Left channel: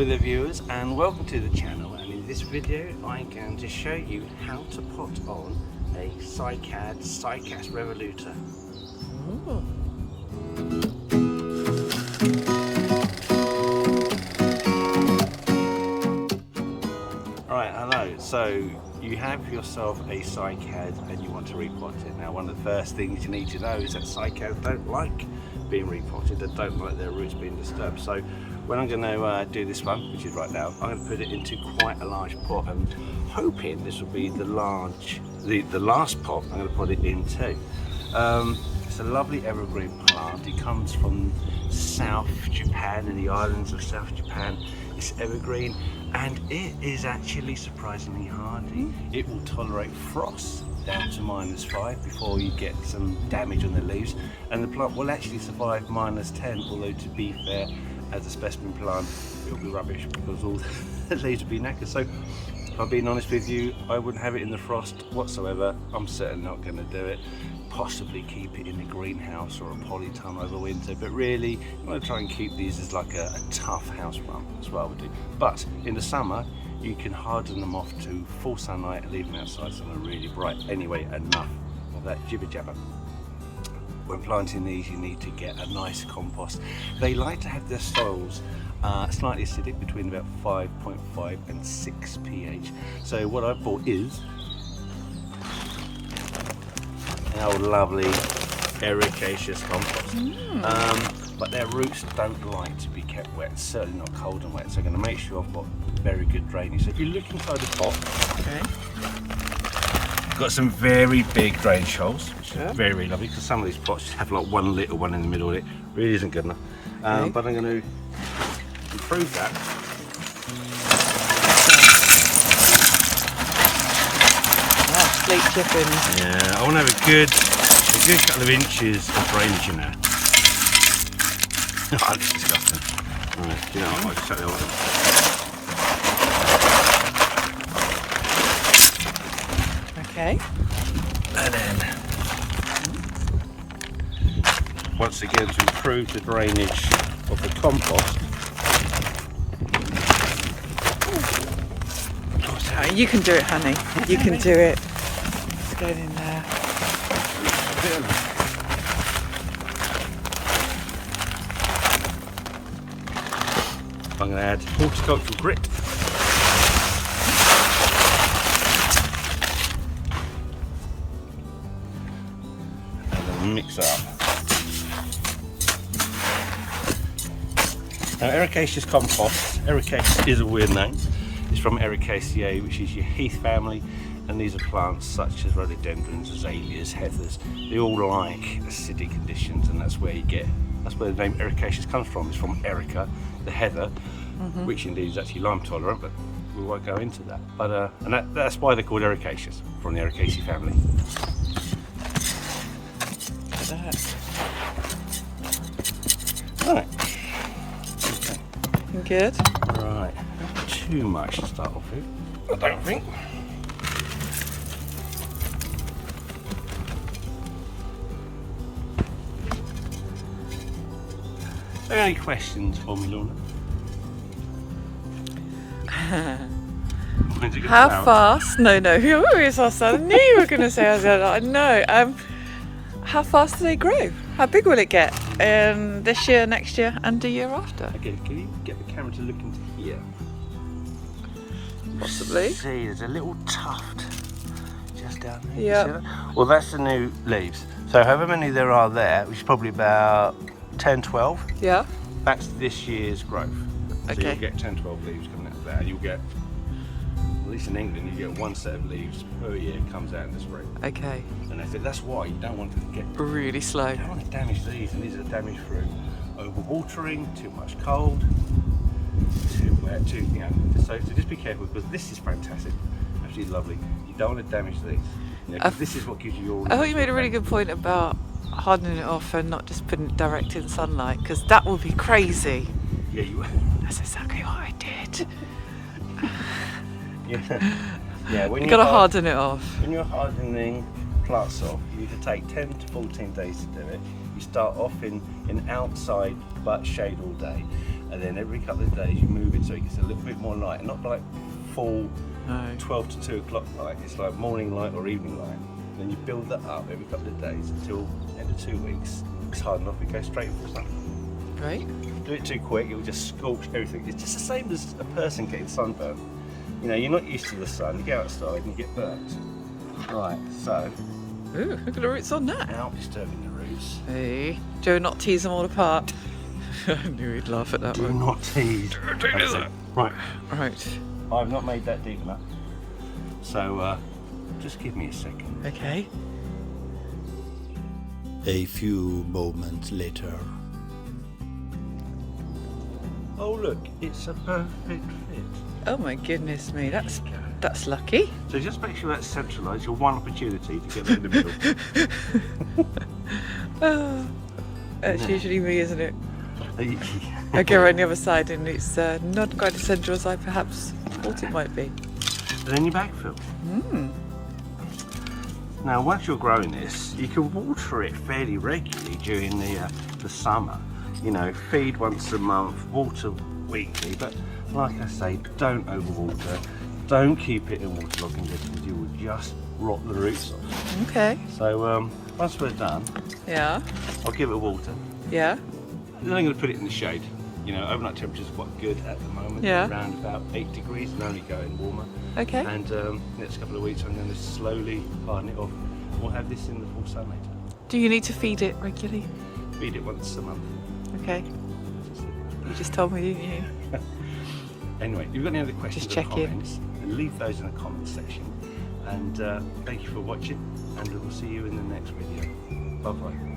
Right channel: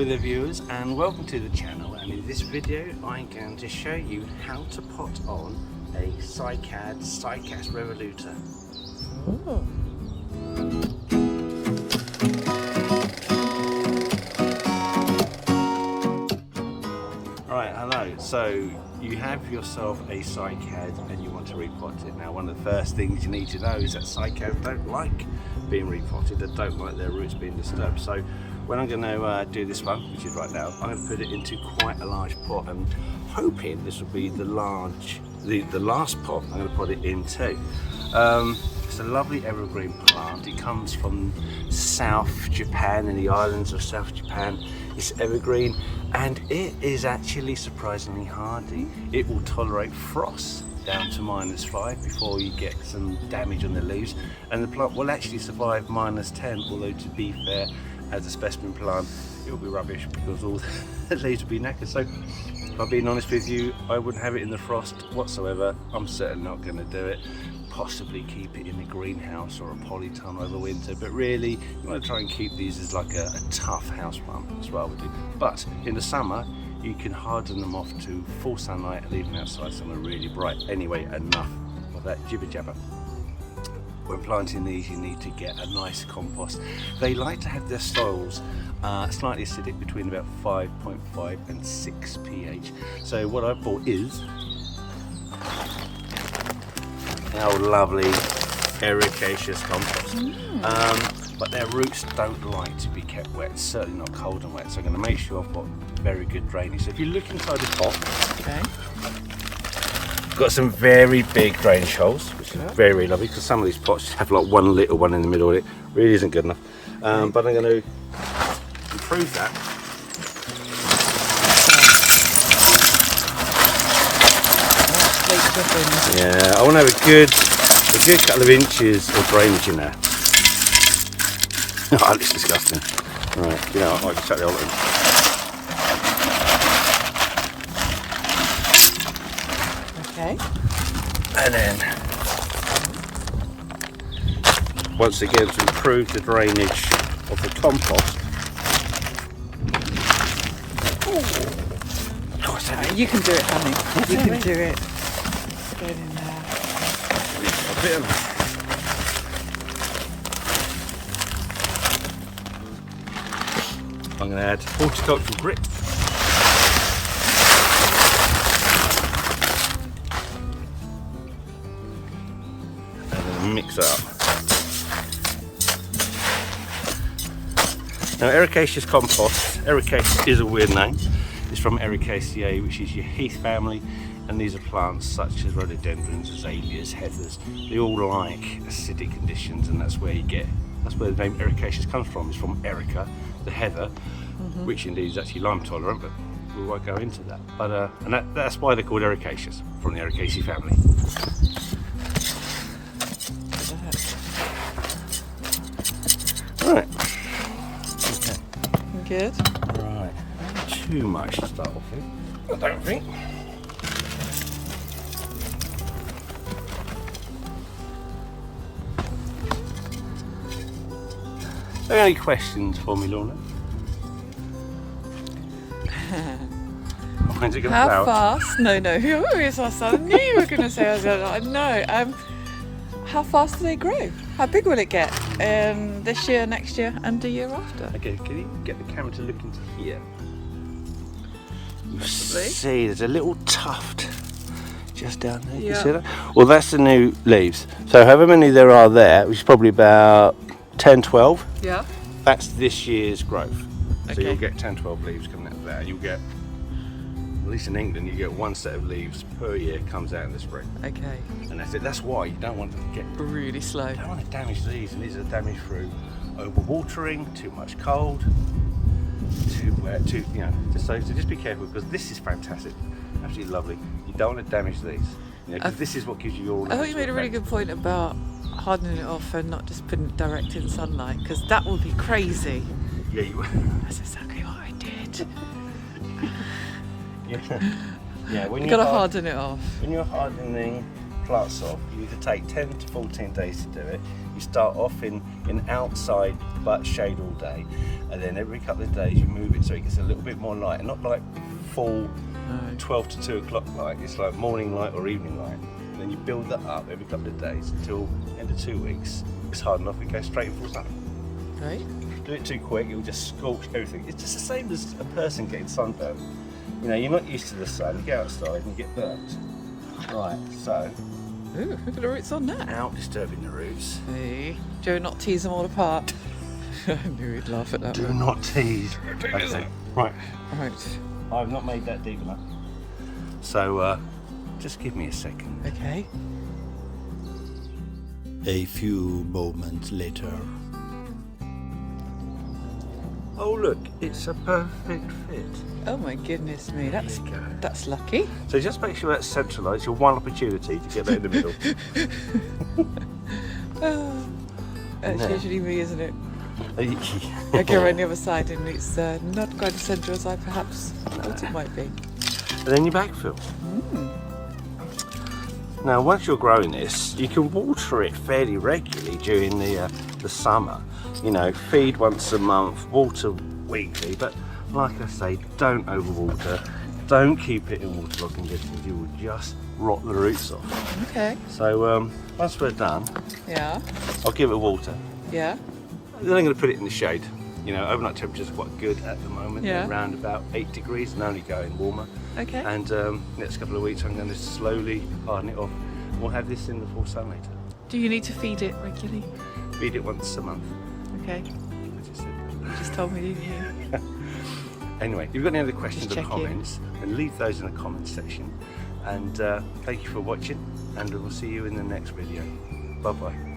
Hello there viewers and welcome to the channel, and in this video I'm going to show you how to pot on a Cycad Cycas revoluta. Oh. Alright, hello. So you have yourself a Cycad and you want to repot it. Now one of the first things you need to know is that Cycads don't like being repotted, they don't like their roots being disturbed. So when I'm going to do this one, which is right now, I'm going to put it into quite a large pot and hoping this will be the last pot I'm going to put it into. It's a lovely evergreen plant. It comes from South Japan, in the islands of South Japan. It's evergreen and it is actually surprisingly hardy. It will tolerate frost down to -5 before you get some damage on the leaves, and the plant will actually survive -10, although to be fair, as a specimen plant it will be rubbish because all the leaves will be knackered. So if I'm being honest with you, I wouldn't have it in the frost whatsoever. I'm certainly not going to do it. Possibly keep it in the greenhouse or a polytunnel over winter, but really you want to try and keep these as like a tough house plant. That's what I would do. But in the summer you can harden them off to full sunlight and leave them outside somewhere really bright. Anyway, enough of that jibber jabber. When planting these you need to get a nice compost. They like to have their soils slightly acidic, between about 5.5 and 6 pH. So what I bought is our lovely ericaceous compost. But their roots don't like to be kept wet, certainly not cold and wet, so I'm going to make sure I've got very good drainage. So if you look inside the pot, Okay. got some very big drainage holes, which is very, very lovely, because some of these pots have like one little one in the middle. It really isn't good enough. But I'm going to improve that. Yeah, I want to have a good couple of inches of drainage in there. Oh, that's disgusting. Right, you know, I'll just shut the old one. Okay. And then, once again, to improve the drainage of the compost. You can do it, honey. You can do it. Get in there. A bit of I'm going to add horticultural grit. And then mix it up. Now, ericaceous compost, ericaceous is a weird name. It's from Ericaceae, which is your heath family, and these are plants such as rhododendrons, azaleas, heathers. They all like acidic conditions, and that's where the name ericaceous comes from. It's from Erica, the heather, which indeed is actually lime tolerant, but we won't go into that. But and that's why they're called ericaceous, from the Ericaceae family. Right. Okay. Good. Right. Not too much to start off with, I don't think. Any questions for me, Lorna? How fast? No, you always ask that. I knew you were going to say that. No. How fast do they grow? How big will it get? This year, next year, and the year after? Okay, can you get the camera to look into here? Possibly. See, there's a little tuft just down there. Yeah. You see that? Well, that's the new leaves. So however many there are there, which is probably about 10, 12. Yeah. That's this year's growth. So Okay. you'll get 10, 12 leaves coming out of there. You'll get, at least in England, you get one set of leaves per year comes out in the spring. Okay. And that's it. That's why you don't want to get Really slow. You don't want to damage these, and these are damaged through overwatering, too much cold, too wet, so just be careful, because this is fantastic, absolutely lovely. You don't want to damage these, because this is what gives you your. I thought you made a really good point about hardening it off and not just putting it direct in sunlight, because that would be crazy. Yeah, you. That's exactly what I did. Yeah. When You gotta harden it off. When you're hardening plants off, you need to take 10 to 14 days to do it. You start off in outside but shade all day, and then every couple of days you move it so it gets a little bit more light, and not like full 12 to 2 o'clock light. It's like morning light or evening light. Then you build that up every couple of days until end of 2 weeks. It's hard enough, it goes straight in full sun. Right. Do it too quick, it will just scorch everything. It's just the same as a person getting sunburned. You know, you're not used to the sun, you go outside and you get burnt. Right, so. Ooh, look at the roots on that. Out disturbing the roots. Hey, do not tease them all apart. I knew he'd laugh at that Do one. not tease. Okay. Right. Right. I've not made that deep enough. So just give me a second. Okay. A few moments later. Oh look, it's a perfect fit. Oh my goodness me, that's lucky. So just make sure that's centralised. Your one opportunity to get that in the middle. Oh, that's Yeah. usually me, isn't it? I go around the other side and it's not quite as central as I perhaps thought it might be. And then you backfill. Now once you're growing this, you can water it fairly regularly during the summer. You know, feed once a month, water weekly, but like I say, don't overwater. Don't keep it in waterlogged conditions, you will just rot the roots off. Okay. So once we're done, Yeah. I'll give it water. Yeah. Then I'm going to put it in the shade. You know, overnight temperatures are quite good at the moment, Yeah. around about 8 degrees and only going warmer. Okay. And next couple of weeks I'm going to slowly harden it off. We'll have this in the full sun later. Do you need to feed it regularly? Feed it once a month. Okay. You just told me, didn't you? Anyway, if you've got any other questions Just or check in. comments, then leave those in the comments section. And thank you for watching, and we'll see you in the next video. Bye bye.